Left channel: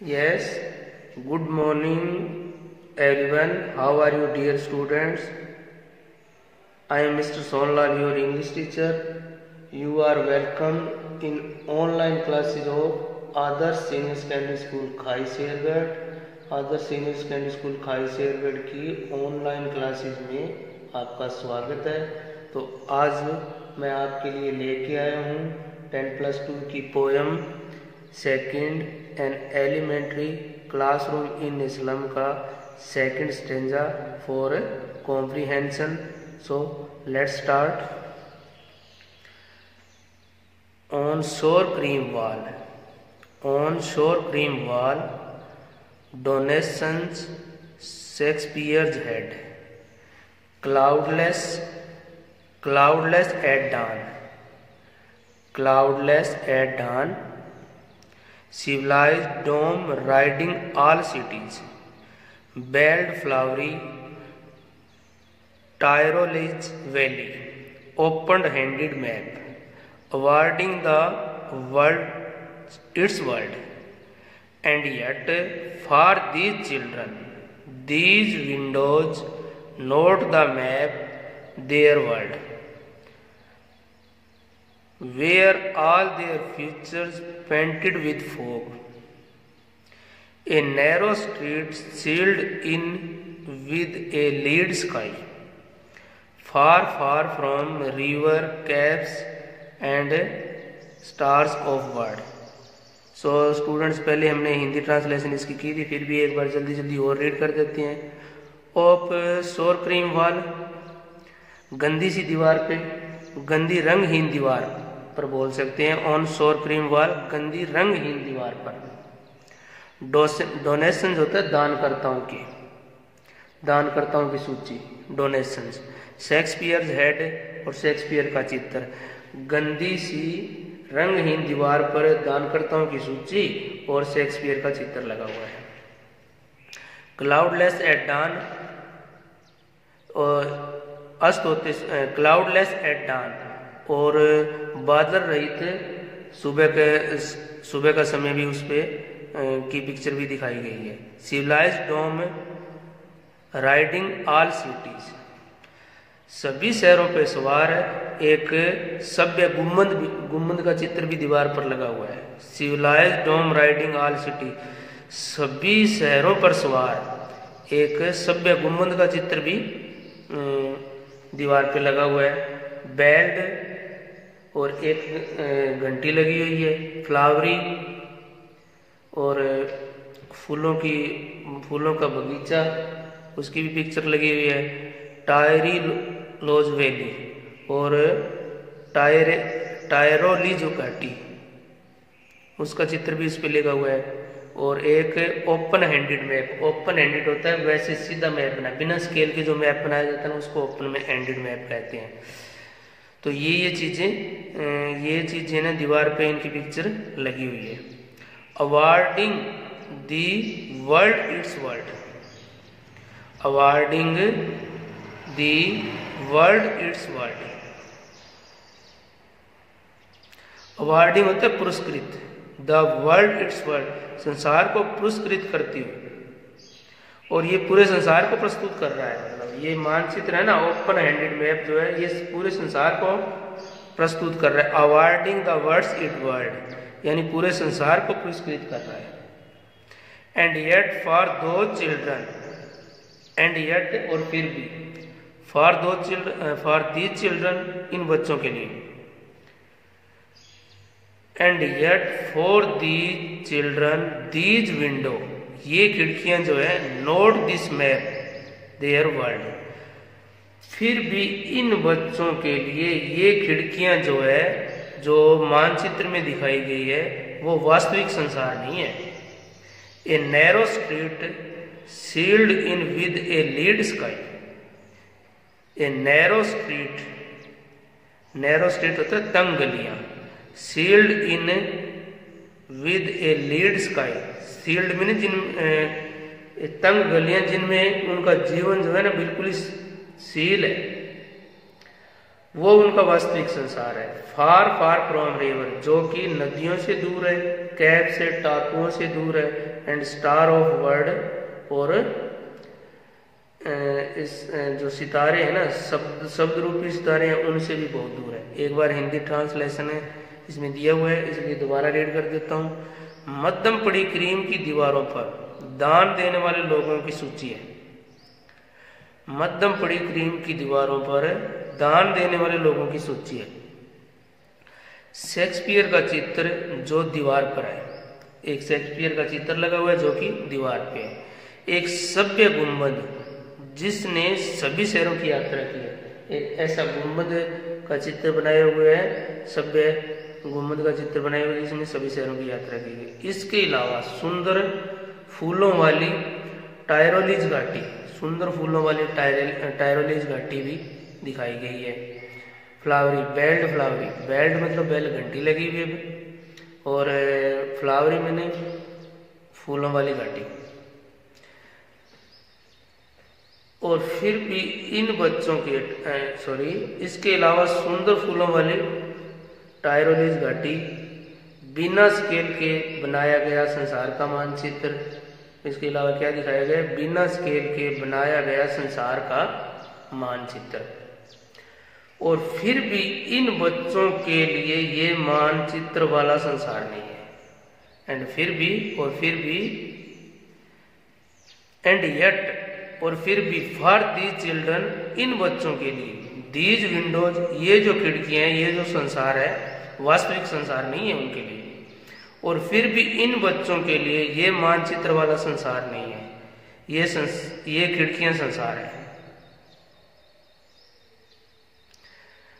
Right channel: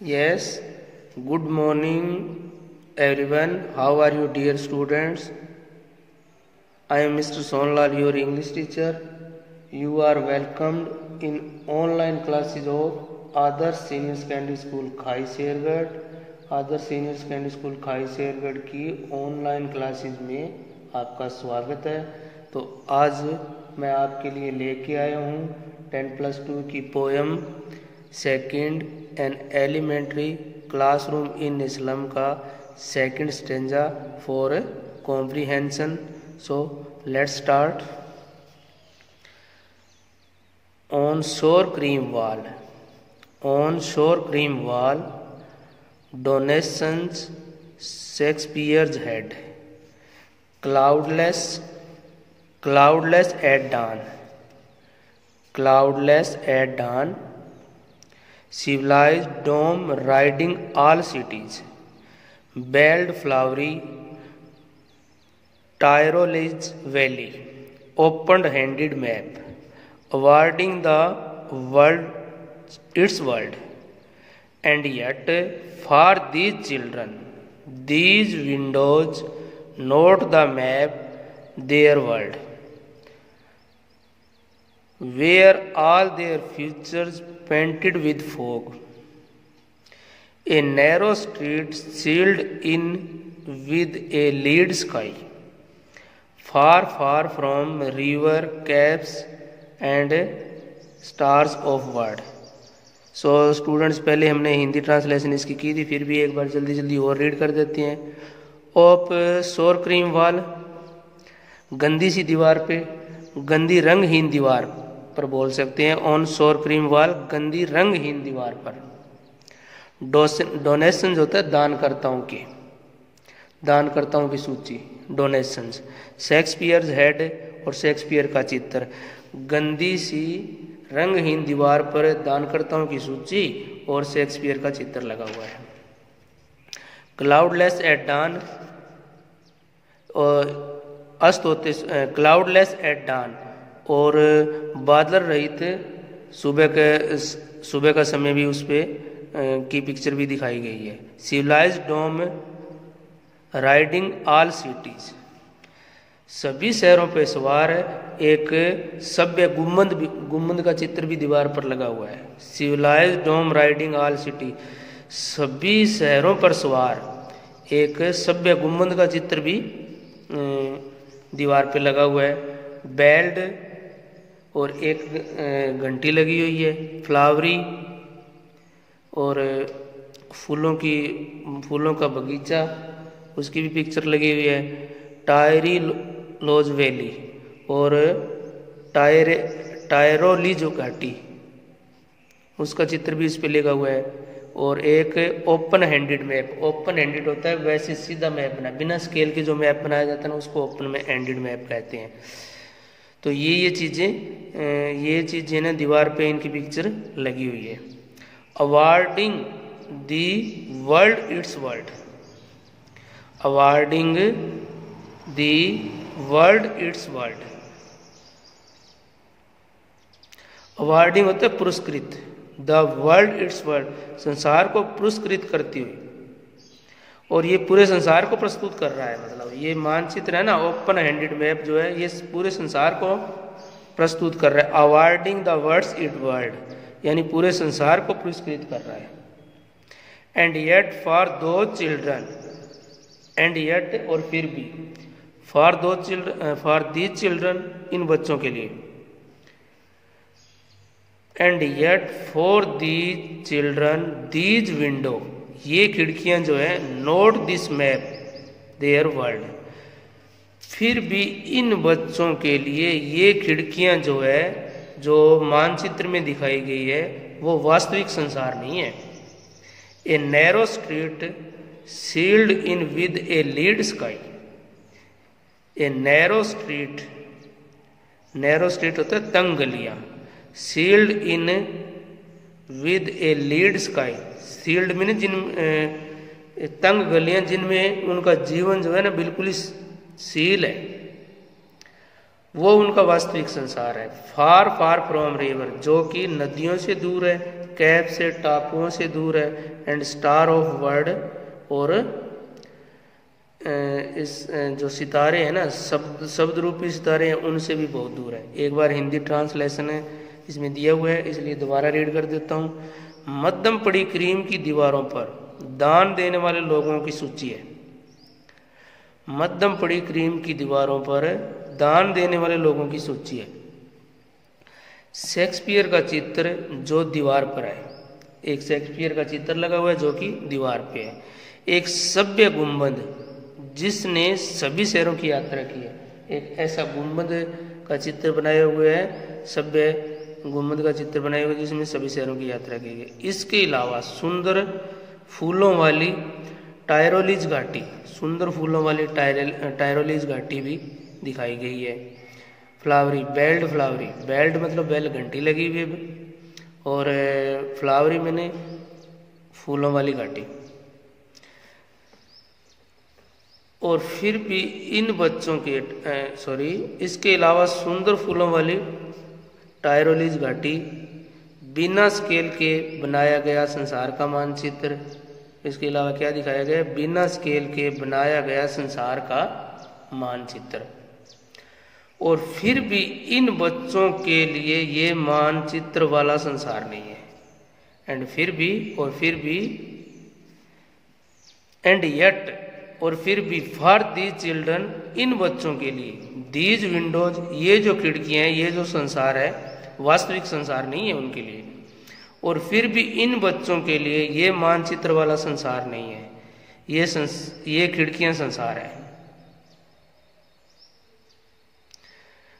Yes, good morning everyone. How are you, dear students? I am Mr. Sonlal, your English teacher. You are welcomed in online classes of Adarsh Senior Secondary School Khai Shergarh. Adarsh senior secondary school खाई शेरगढ़ की online classes में आपका स्वागत है। तो आज मैं आपके लिए लेके आया हूँ 10+2 की poem second an elementary classroom in Islam का second stanza for comprehension. So let's start. On sour cream wall donations Shakespeare's head, cloudless at dawn, civilized dome riding all cities, belled flowery Tyrole's valley, open-handed map, awarding the world its world. And yet, for these children, these windows not the map, their world, where all their futures painted with fog. A narrow street sealed in with a lead sky, far, far from river, caves, and stars of world. So students, पहले हमने Hindi translation इसकी की थी, फिर भी एक बार जल्दी जल्दी और रीड कर देते हैं। ऑफ शोर क्रीम वॉल, गंदी सी दीवार पे, गंदी रंगहीन दीवार पर बोल सकते हैं। ऑन शोर क्रीम वॉल, गंदी रंगहीन दीवार पर। डोनेशंस होता है दानकर्ताओं की सूची, डोनेशंस। शेक्सपियर्स हेड और शेक्सपियर का चित्र, गंदी सी रंगहीन दीवार पर दानकर्ताओं की सूची और शेक्सपियर का चित्र लगा हुआ है। क्लाउडलेस एट डान, और अस्त होते क्लाउडलेस एट डान, और बादल रहित सुबह का समय भी उस पे की पिक्चर भी दिखाई गई है। सिविलाइज्ड डोम राइडिंग ऑल सिटीज, सभी शहरों पे सवार है। एक सभ्य गुम्बद का चित्र भी दीवार पर लगा हुआ है। सिविलाइज्ड डोम राइडिंग ऑल सिटी, सभी शहरों पर सवार एक सभ्य गुम्बद का चित्र भी दीवार पे लगा हुआ है। बेल्ड, और एक घंटी लगी हुई है। फ्लावरी, और फूलों का बगीचा, उसकी भी पिक्चर लगी हुई है। टायरी लोज वैली, और टायरोली जो घाटी, उसका चित्र भी इस पे लगा हुआ है। और एक open handed map, open handed होता है वैसे सीधा मैप बना, बिना स्केल के जो मैप बनाया जाता है ना, उसको ओपन में हैंडेड मैप कहते हैं। तो ये चीजें ना दीवार पे इनकी पिक्चर लगी हुई है। Awarding the world it's world, awarding the world it's world. Awarding होता है पुरस्कृत, द वर्ल्ड इट्स वर्ल्ड, संसार को पुरस्कृत करती हुई, और ये पूरे संसार को प्रस्तुत कर रहा है। मतलब ये मानचित्र है ना, ओपन हैंडेड मैप जो है, ये पूरे संसार को प्रस्तुत कर रहा है। Awarding the world's it world, यानी पूरे संसार को पुरस्कृत कर रहा है। And yet for two children, and yet और फिर भी, फॉर दी चिल्ड्रन, इन बच्चों के लिए। And yet for the children these window, ये खिड़कियां जो है, note this map there world, फिर भी इन बच्चों के लिए ये खिड़कियां जो है, जो मानचित्र में दिखाई गई है, वो वास्तविक संसार नहीं है। A narrow street sealed in with a lead sky, a narrow street होता है तंग गलियां। Sealed in with a lead sky, sealed में तंग गलियां जिनमें उनका जीवन जो है ना बिल्कुल ही सील है। वो उनका वास्तविक संसार है। फार फार फ्रॉम रिवर, जो कि नदियों से दूर है, कैप से, टापुओं से दूर है, एंड स्टार ऑफ वर्ल्ड, और इस जो सितारे हैं ना, शब्द रूपी सितारे हैं, उनसे भी बहुत दूर है। एक बार हिंदी ट्रांसलेशन है इसमें दिया हुआ है, इसलिए दोबारा रीड कर देता हूँ। मध्यम पड़ी क्रीम की दीवारों पर दान देने वाले लोगों की सूची है। मध्यम पड़ी क्रीम की दीवारों पर दान देने वाले लोगों की सूची है। शेक्सपियर का चित्र जो दीवार पर है, एक शेक्सपियर का चित्र लगा हुआ है जो कि दीवार पे है। एक सभ्य गुंबद जिसने सभी शहरों की यात्रा की है, एक ऐसा गुंबद का चित्र बनाया हुआ है, सभ्य गुंबद का चित्र बनाया हुआ है जिसमें सभी शहरों की यात्रा की है। इसके अलावा सुंदर फूलों वाली टायरोलीज घाटी, सुंदर फूलों वाली टायरोलीज घाटी भी दिखाई गई है। फ्लावरी बेल्ट, फ्लावरी बेल्ट मतलब बेल घंटी लगी हुई है, और फ्लावरी मैंने फूलों वाली घाटी। और फिर भी इन बच्चों के इसके अलावा सुंदर फूलों वाली टायरोलीज घाटी, बिना स्केल के बनाया गया संसार का मानचित्र। इसके अलावा क्या दिखाया गया? बिना स्केल के बनाया गया संसार का मानचित्र। और फिर भी इन बच्चों के लिए ये मानचित्र वाला संसार नहीं है। एंड फिर भी एंड येट, और फिर भी फॉर दी चिल्ड्रन, इन बच्चों के लिए, दीज विंडोज, ये जो खिड़कियां हैं, ये जो संसार है, वास्तविक संसार नहीं है उनके लिए। और फिर भी इन बच्चों के लिए ये मानचित्र वाला संसार नहीं है, ये खिड़कियां संसार है।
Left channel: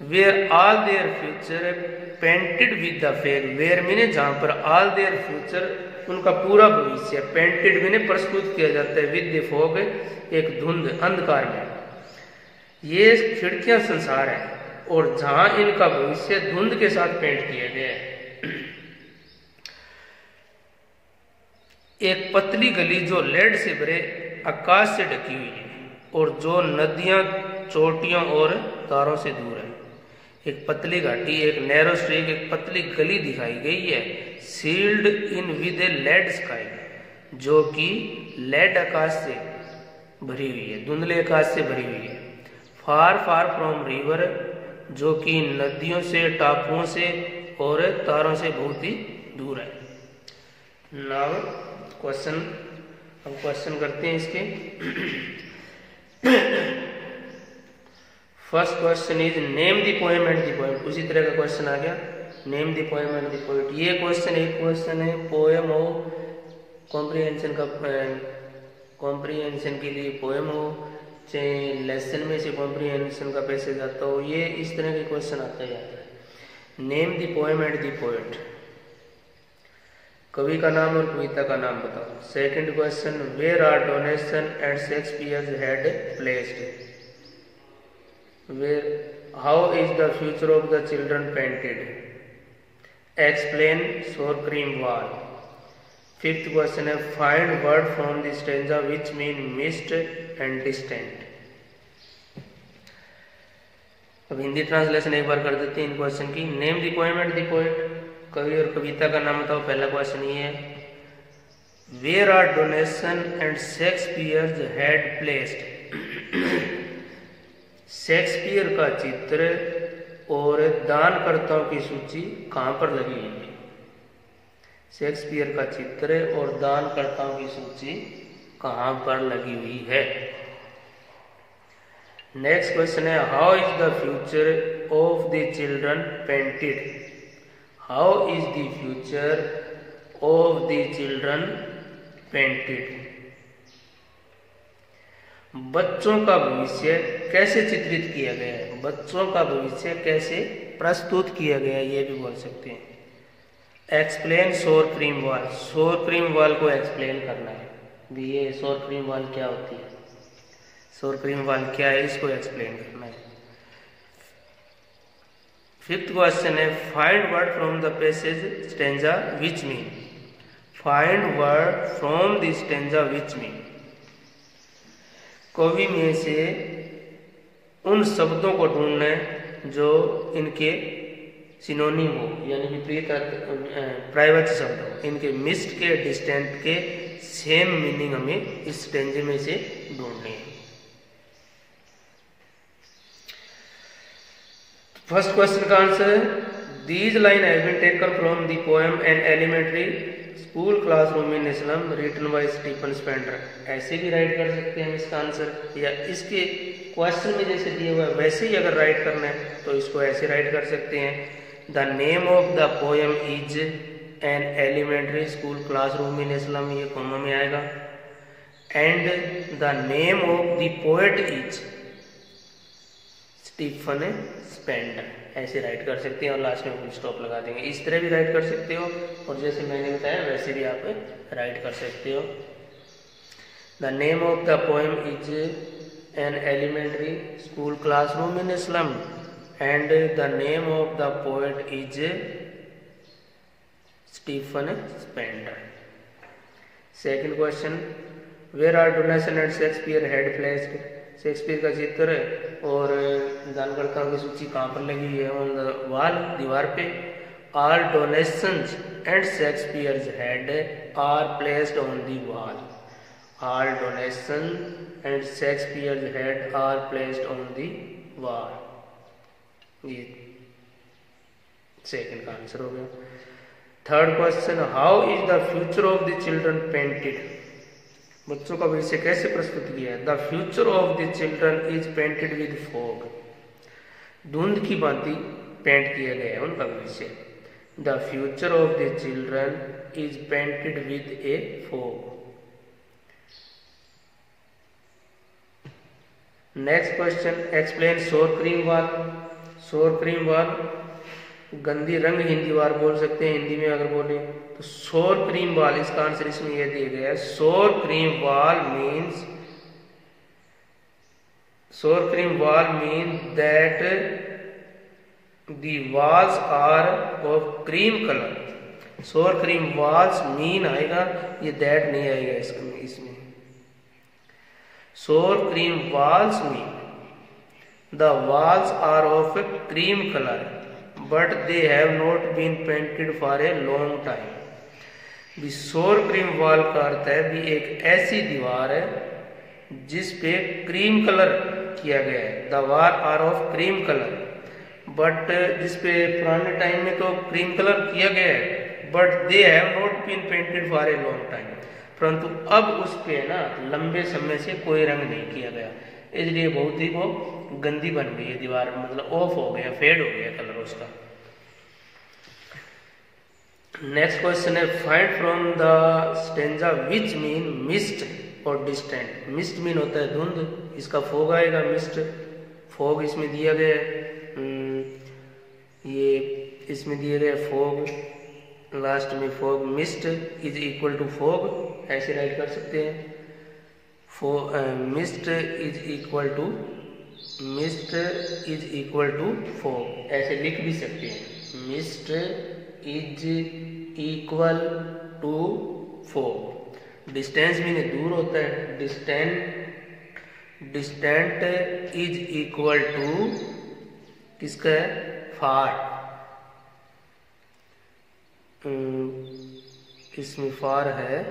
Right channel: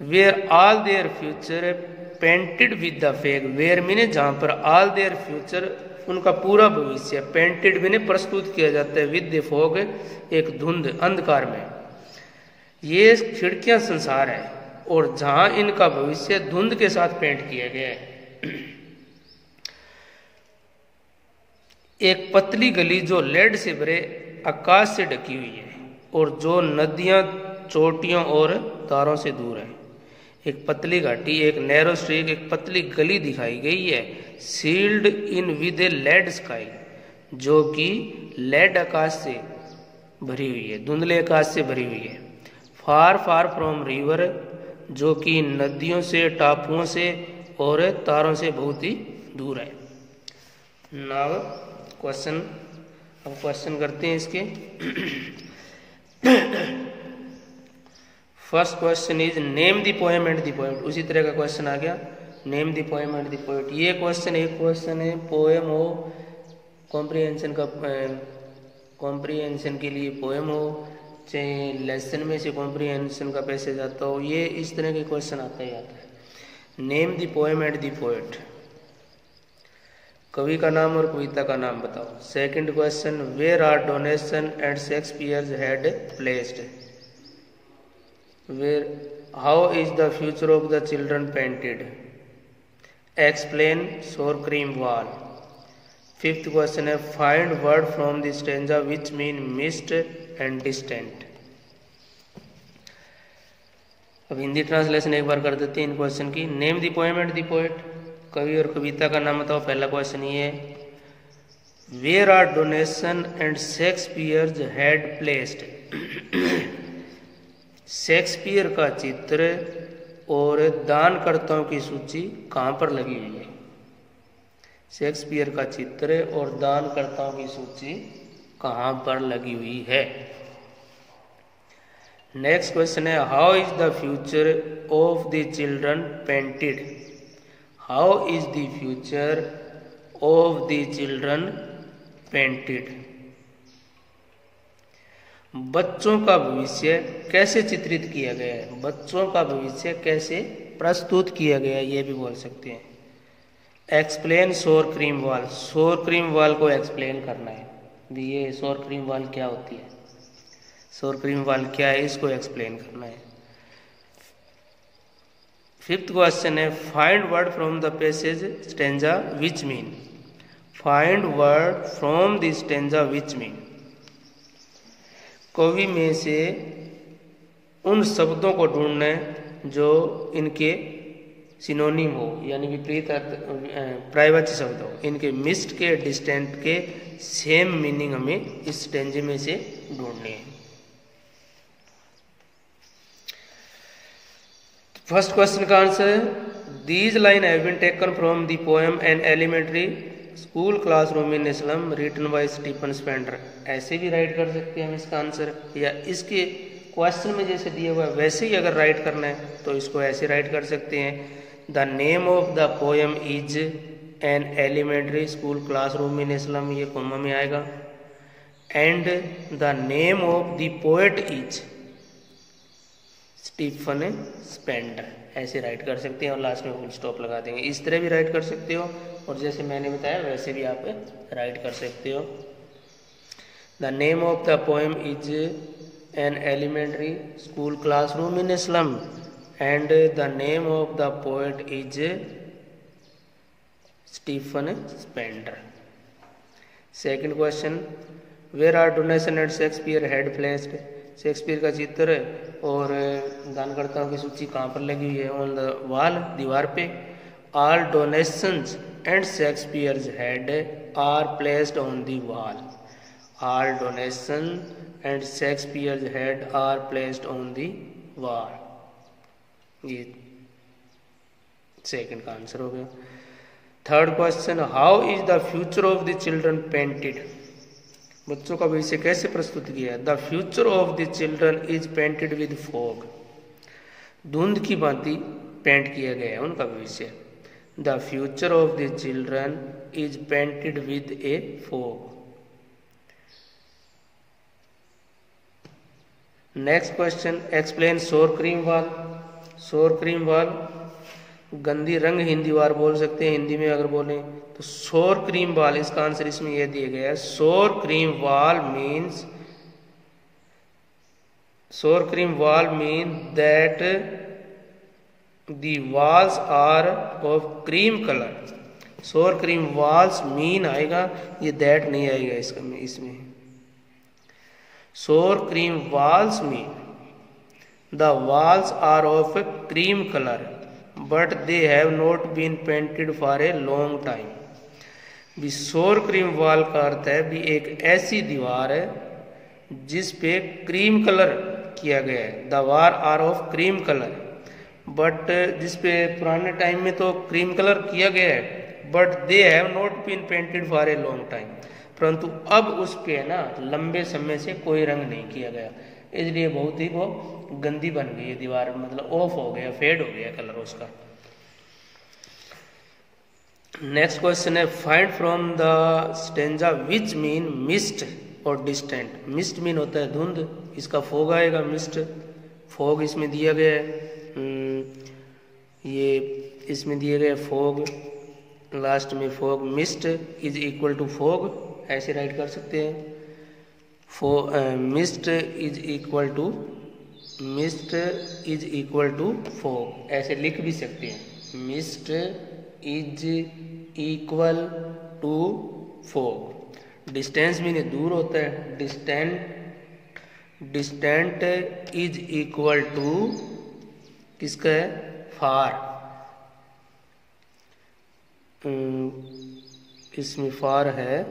Where all their future painted with the fog, where mean जहां पर, ऑल देयर फ्यूचर उनका पूरा भविष्य, पेंटेड मीने प्रस्तुत किया जाता है, विद द फॉग एक धुंध, अंधकार में। ये खिड़कियां संसार है, और जहां इनका भविष्य धुंध के साथ पेंट किया गया है। एक पतली गली जो लेड से भरे आकाश से ढकी हुई है, और जो नदियां, चोटियों और तारों से दूर है। एक पतली घाटी, एक नैरो स्ट्रीक, एक पतली गली दिखाई गई है, sealed in with a lead sky, जो कि लेड आकाश से भरी हुई है, धुंधले आकाश से भरी हुई है। फार फार फ्रॉम रिवर, जो कि नदियों से, टापुओं से और तारों से बहुत ही दूर है। नाउ क्वेश्चन, हम क्वेश्चन करते हैं इसके। First question is name the poem and the poet. उसी तरह का क्वेश्चन आ गया, name the poem and the poet. ये क्वेश्चन एक क्वेश्चन है पोएम हो, कॉम्प्रिहेंशन का, कॉम्प्रिहेंशन के लिए पोएम हो, चाहे लेसन में से कॉम्प्रिहेंशन का पैसेज आता हो, ये इस तरह के क्वेश्चन आता ही आता है। Name the poem and the poet, कवि का नाम और कविता का नाम बताओ। Second question, where are donation and Shakespeare had placed, where, how is the future of the children painted, explain sour cream wall. Fifth question है, find word from the stanza which mean mist and distant. अब Hindi translation एक बार कर देते हैं इन question की। Name the poem and the poet, कवि और कविता का नाम बताओ। पहला क्वेश्चन ये है, where are donation and Shakespeare had placed, Shakespeare का चित्र और दानकर्ताओं की सूची कहां पर लगी हुई है। शेक्सपियर का चित्र और दानकर्ताओं की सूची कहां पर लगी हुई है। नेक्स्ट क्वेश्चन है, how is the future of the children painted, how is the future of the children painted, बच्चों का भविष्य कैसे चित्रित किया गया है, बच्चों का भविष्य कैसे प्रस्तुत किया गया है, ये भी बोल सकते हैं। एक्सप्लेन सोर क्रीम वॉल, सोर क्रीम वॉल को एक्सप्लेन करना है, ये सोर क्रीम वॉल क्या होती है, सोर क्रीम वॉल क्या है, इसको एक्सप्लेन करना है। फिफ्थ क्वेश्चन है, find word from the passage stanza which mean, find word from the stanza which mean, कवि में से उन शब्दों को ढूंढना है जो इनके सिनोनिम हो यानी विपरीत पर्यायवाची शब्द हो। इनके मिस्ड के डिस्टेंट के सेम मीनिंग हमें इस स्टेंजे में से ढूंढने हैं। फर्स्ट क्वेश्चन का आंसर है these line have been taken from the poem an elementary school classroom in a slum written by Stephen Spender. ऐसे भी राइट कर सकते हैं हम इसका आंसर, या इसके क्वेश्चन में जैसे दिया हुआ है वैसे ही अगर राइट करना है तो इसको ऐसे राइट कर सकते हैं। The name of the poem is an elementary school classroom in Islam, ये कॉमा में आएगा। And the name of the poet is Stephen Spender, ऐसे राइट कर सकते हैं और लास्ट में फुल स्टॉप लगा देंगे। इस तरह भी राइट कर सकते हो और जैसे मैंने बताया वैसे भी आप राइट कर सकते हो। The name of the poem is an elementary school classroom in a slum and the name of the poet is Stephen Spender. Second question where are donation and Shakespeare had placed. Shakespeare का चित्र और दानकर्ताओं की सूची कहाँ पर लगी हुई है? ऑन द वॉल, दीवार पे। All donations and Shakespeare's head are placed on the wall. All donation and Shakespeare's head are placed on the wall, ये सेकंड का आंसर हो गया। Third question how is the future of the children painted. बच्चों का भविष्य कैसे प्रस्तुत किया है? The future of the children is painted with fog, धुंध की भांति पेंट किया गया है उनका भविष्य। The future of the children is painted with A fog. Next question explain sour cream wall. सोर क्रीम वॉल गंदी रंग हिंदी वार बोल सकते हैं, हिंदी में अगर बोले तो सोर क्रीम वॉल, इसका आंसर इसमें यह दिया गया है। Sour cream wall mean that the walls are of cream colour. Sour cream walls mean आएगा, ये दैट नहीं आएगा इसमें। Sour cream walls mean the walls are of cream colour but they have not been painted for a long time. भी sour cream wall का अर्थ है भी एक ऐसी दीवार है जिस पे क्रीम कलर किया गया है। The wall are of cream colour, but जिस पे पुराने टाइम में तो क्रीम कलर किया गया है, but they have not been painted for a long time, परंतु अब उस पे ना लंबे समय से कोई रंग नहीं किया गया, इसलिए बहुत ही वो गंदी बन गई है दीवार, मतलब ऑफ हो गया, फेड हो गया कलर उसका। नेक्स्ट क्वेश्चन है find from the stanza which mean mist और डिस्टेंट। मिस्ट मीन होता है धुंध, इसका फोग आएगा मिस्ट, फोग इसमें दिया गया है, ये इसमें दिया गया फोग, लास्ट में fog. Mist is equal to fog, ऐसे राइट कर सकते हैं। Mist is equal to fog, ऐसे लिख भी सकते हैं। Mist is equal to fog. Distance mean दूर होता है, डिस्टेंट इज इक्वल टू किसका है? फार। इसमें फार है,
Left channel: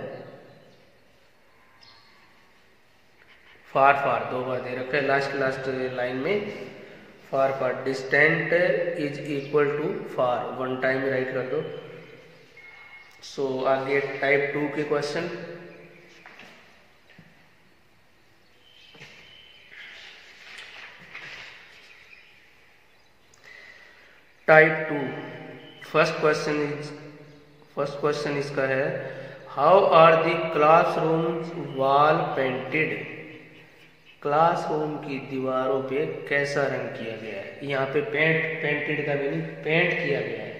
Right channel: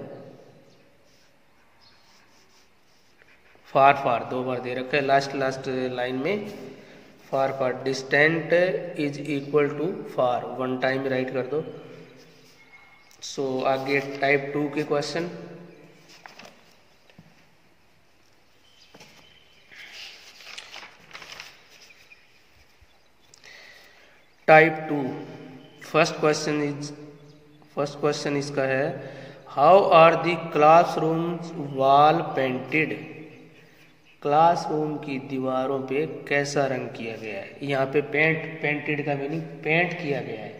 फार दो बार दे रखा है लास्ट लाइन में, far distant is equal to far, one time write कर दो। सो आगे टाइप 2 के क्वेश्चन। टाइप 2 फर्स्ट क्वेश्चन इसका है how are the classrooms wall painted. Classroom की दीवारों पे कैसा रंग किया गया है? यहाँ पे पेंटेड का मीनिंग पेंट किया गया है,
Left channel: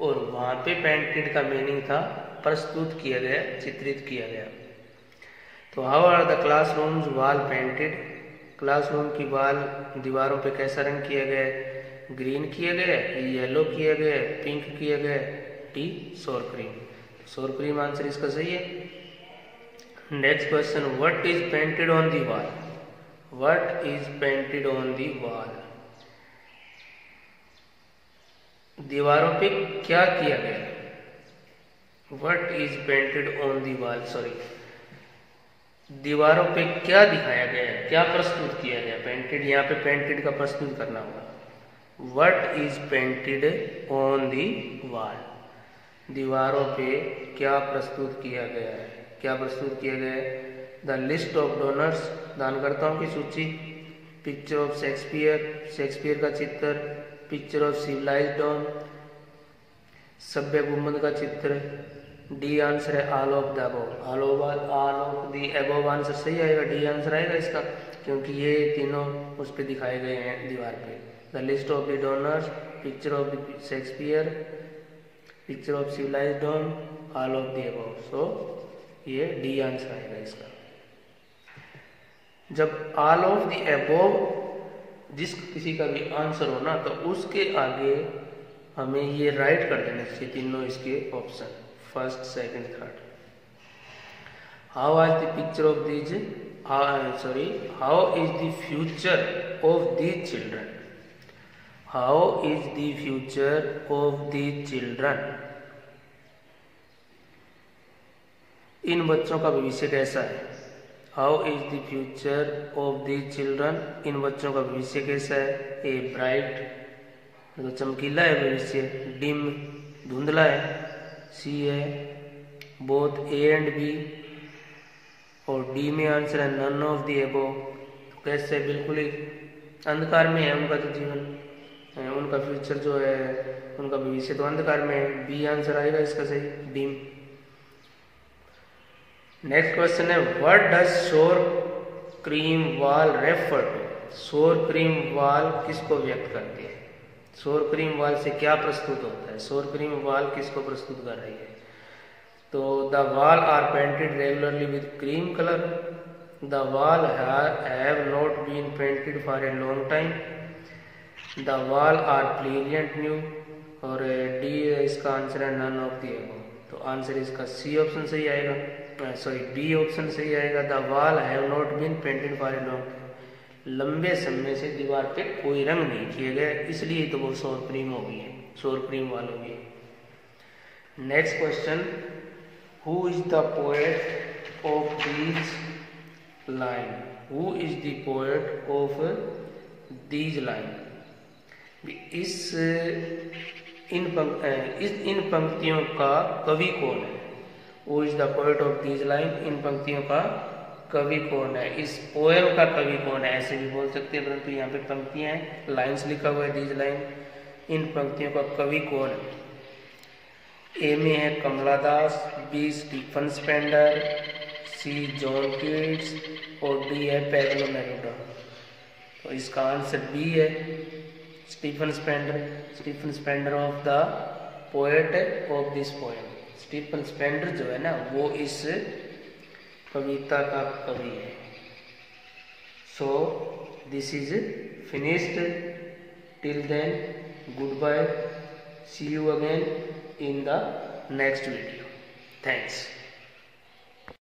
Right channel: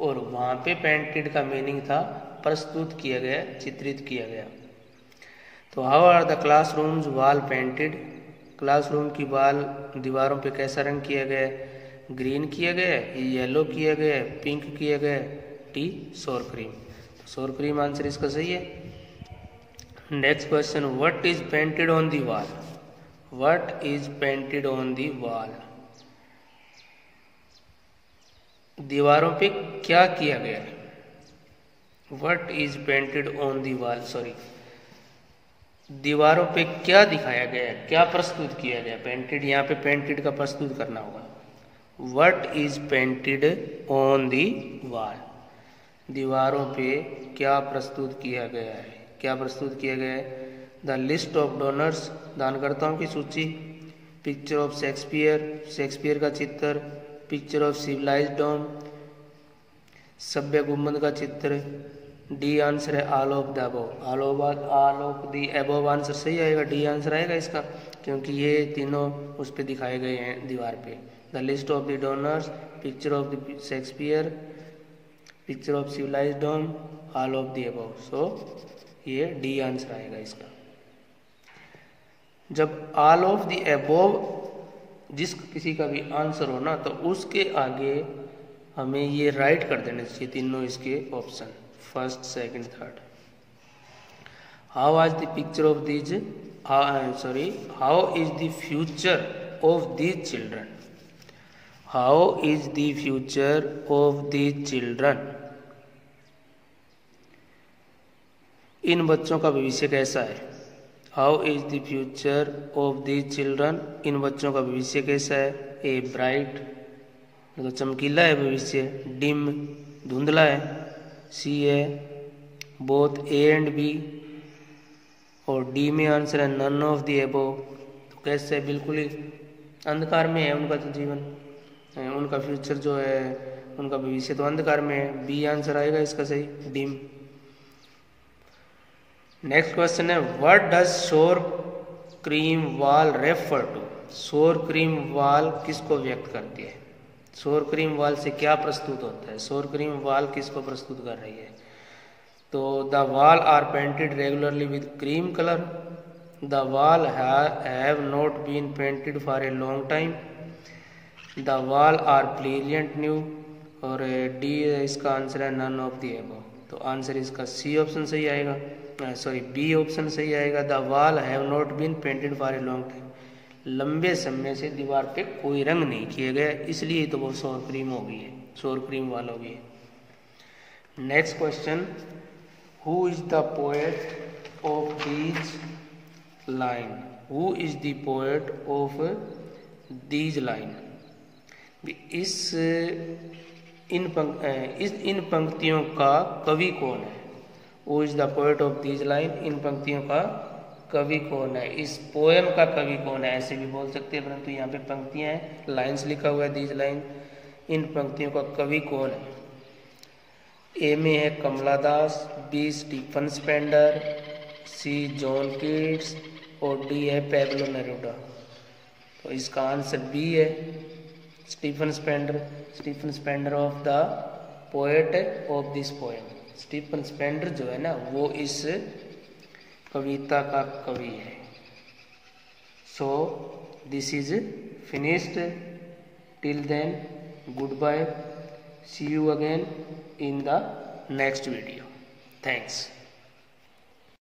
और वहाँ पे पेंटेड का मीनिंग था प्रस्तुत किया गया, चित्रित किया गया। तो how are the classrooms wall painted, classroom की वॉल दीवारों पे कैसा रंग किया गया है? ग्रीन किया गया है, येलो किया गया है, पिंक किया गया है, टी सोर क्रीम। सोर क्रीम आंसर इसका सही है। Next question what is painted on the wall. What is painted on the wall. दीवारों पे क्या किया गया? What is painted on the wall, sorry, दीवारों पे क्या दिखाया गया, क्या प्रस्तुत किया गया? पेंटेड, यहाँ पे पेंटेड का प्रस्तुत करना होगा। What is painted on the wall, दीवारों पे क्या प्रस्तुत किया गया है? क्या प्रस्तुत किया गया है? द लिस्ट ऑफ डोनर्स, दानकर्ताओं की सूची। पिक्चर ऑफ शेक्सपियर, शेक्सपियर का चित्र। पिक्चर ऑफ सिविलाइज्ड डॉम, सभ्य गुम्बद का चित्र। डी आंसर है all of the above, all of the above answer सही आएगा, डी आंसर आएगा इसका, क्योंकि ये तीनों उस पे दिखाए गए हैं दीवार पे। The list of the donors, picture of the Shakespeare, picture of civilised dom, all of the above, so ये डी आंसर आएगा इसका। जब ऑल ऑफ द अबव जिस किसी का भी आंसर हो ना, तो उसके आगे हमें ये राइट कर देना चाहिए तीनों इसके option, first, second, third. How is the picture of these, how is the future of these children, how is the future of these children, इन बच्चों का भविष्य कैसा है? How is the future of these children, इन बच्चों का भविष्य कैसा है? ए ब्राइट, तो चमकीला है भविष्य। डिम, धुंधला है। सी है बोथ ए एंड बी, और डी में आंसर है नन ऑफ द अबव, तो कैसे है? बिल्कुल ही अंधकार में है उनका तो जीवन, उनका फ्यूचर जो है, उनका भविष्य तो अंधकार में है। बी आंसर आएगा इसका सही, डिम। नेक्स्ट क्वेश्चन है व्हाट डज शोर क्रीम वॉल रेफर टू, शोर क्रीम वॉल किसको व्यक्त करती है? शोर क्रीम वॉल से क्या प्रस्तुत होता है? शोर क्रीम वॉल किसको प्रस्तुत कर रही है? तो the wall are painted regularly with cream colour, the wall have not been painted for a long time, the wall are brilliant new, और डी इसका आंसर है नन ऑफ द अबव, तो आंसर इसका सी ऑप्शन सही आएगा, sorry B option सही आएगा। The wall have not been painted for a long time, लंबे समय से दीवार पे कोई रंग नहीं किए गए, इसलिए तो वो शोर क्रीम हो गई है, शोर क्रीम वाल हो गई है। Next question, who is the poet of these line, who is the poet of these line, इन पंक्तियों का कवि कौन है? Who is the poet of these line, इन पंक्तियों का कवि कौन है? इस पोएम का कवि कौन है, ऐसे भी बोल सकते हैं, परंतु यहाँ पे पंक्तियां हैं, लाइंस लिखा हुआ है दीज लाइन, इन पंक्तियों का कवि कौन है? ए में है Kamala Das, B Stephen Spender, C John Keats, और डी है पैब्लो नेरुदा, तो इसका आंसर बी है Stephen Spender, Stephen Spender of the poet of this poem. Stephen Spender जो है ना, वो इस कविता का कवि है। So this is finished, till then goodbye, see you again in the next video, thanks.